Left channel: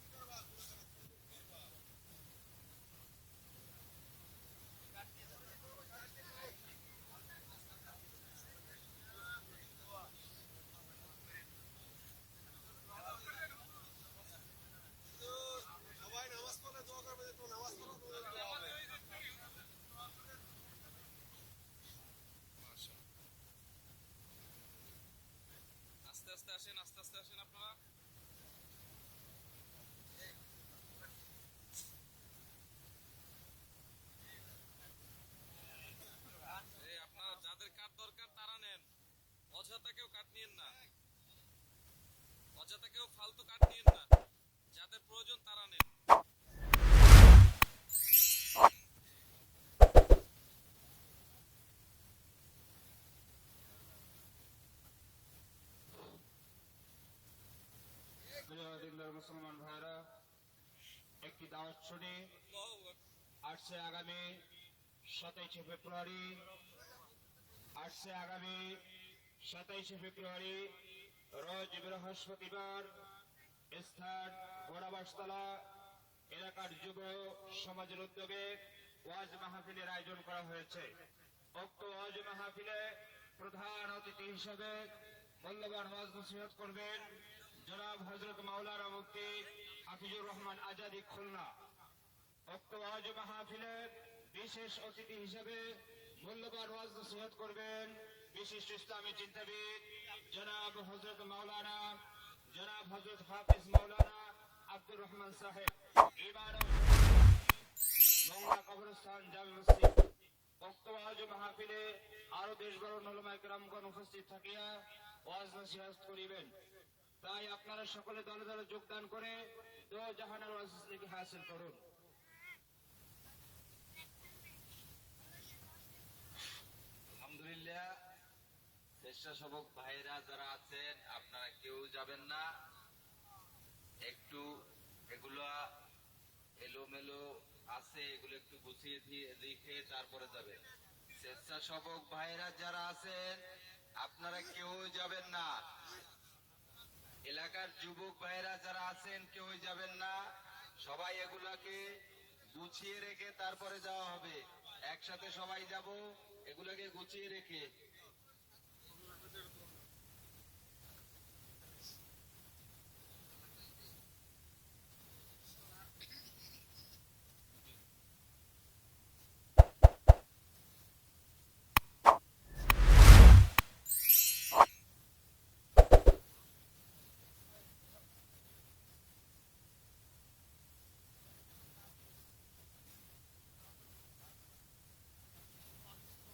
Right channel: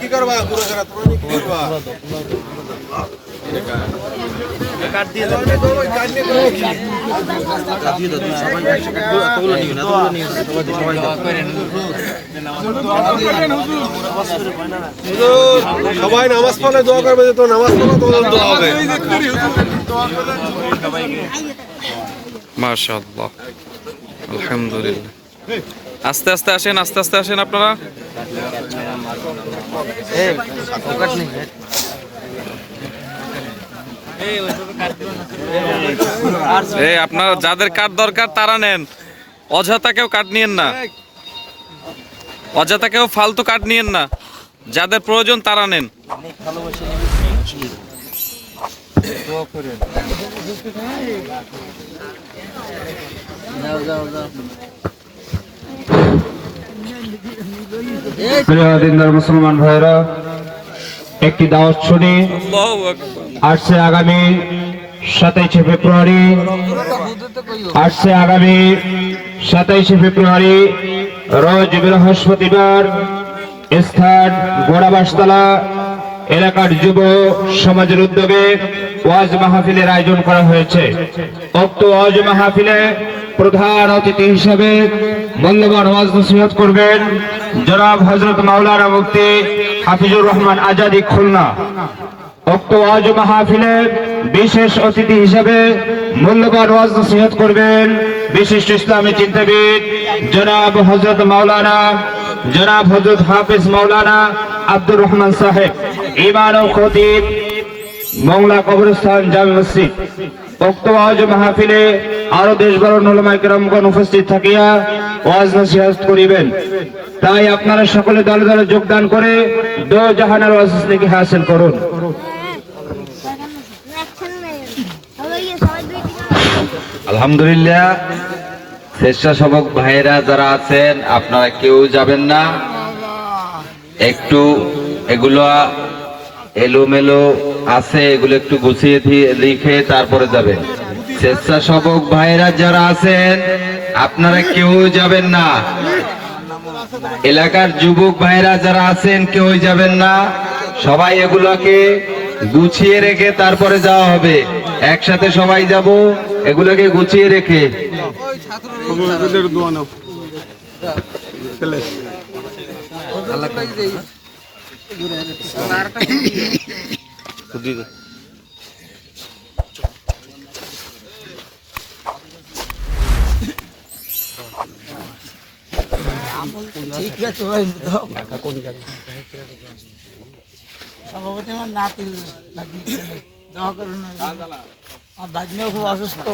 কি করবা? সবাই নামাজ পড়লে দোয়া করবে তো নামাজ পড়ো তোমাদের দোয়া হবে। মাশাআল্লাহ। আলহামদুলিল্লাহ। আস্তে আস্তে আসেন আস্তে আস্তে আসেন আপনারা। এই আপনারা যাদের কাঠ দরকার তারা নেন। অযথা কেউ কাঠ নিয়েন না। অযথা কেউ ফালতু কাঠ নিয়েন না। যাদের প্রয়োজন তারা নেন। মুসলমান ভাইরা একটি দাওয়াত শুনি। আসছে আগামী সাতাইশে ফেব্রুয়ারি। আসছে আগামী সাতাইশে ফেব্রুয়ারি, রোজ বৃহস্পতিবার, স্থান গোড়াবাসতলা, এলাকার যুব সমাজের উদ্যোগে ওয়াজ মাহফিলের আয়োজন করা হয়েছে। উক্ত ওয়াজ মাহফিলে প্রধান অতিথি হিসেবে মূল্যবান ওয়াজ নসিহত করবেন জনাব হজরত মাওলানা মুফতি হাফিজুর রহমান আজাদি খুলনা। উক্ত ওয়াজ মাহফিলে বিশেষ অতিথি হিসেবে মূল্যবান ওয়াজ নসিহত করবেন বিশিষ্ট ইসলামী চিন্তাবিদ জনাব হজরত মাওলানা, জনাব হজরত হাফিজ মাওলানা আব্দুর রহমান সাহেব। ইমান ও খতিব মংলা কবরস্থান জামে মসজিদ। উক্ত ওয়াজ মাহফিলে আরও দেশ বড় নলমাই কেরামগণ উপস্থিত থাকিয়া ওয়াজ নসিহত করিবেন। তাই আপনারা সকলে দলে দলে যোগদান করে দো জাহানের ওয়াজ নাকি হাসিল করুন। আলহামদুলিল্লাহ স্বেচ্ছাসেবক ভাইয়েরা যারা আছেন, আপনারা কেউ যাবেন না। একটু এগুলো এলোমেলো আছে, এগুলো একটু গুছিয়ে দিয়ে লিখে তারপরে যাবেন। স্বেচ্ছাসেবক ভাইয়েরা যারা আছেন, আপনারা কেউ যাবেন না। এলাকার যুবক ভাইরা যারা আছেন, কেউ যাবেন না। সবাই এগুলোকে গুছিয়ে রেখে তারপরে যাওয়া হবে। একসাথে সবাই যাব, এগুলোকে গুছিয়ে রেখে। সভাপতি আমার নাতি নাতি দোয়া করুন আমার ভাগ্নেও খুব অসুস্থ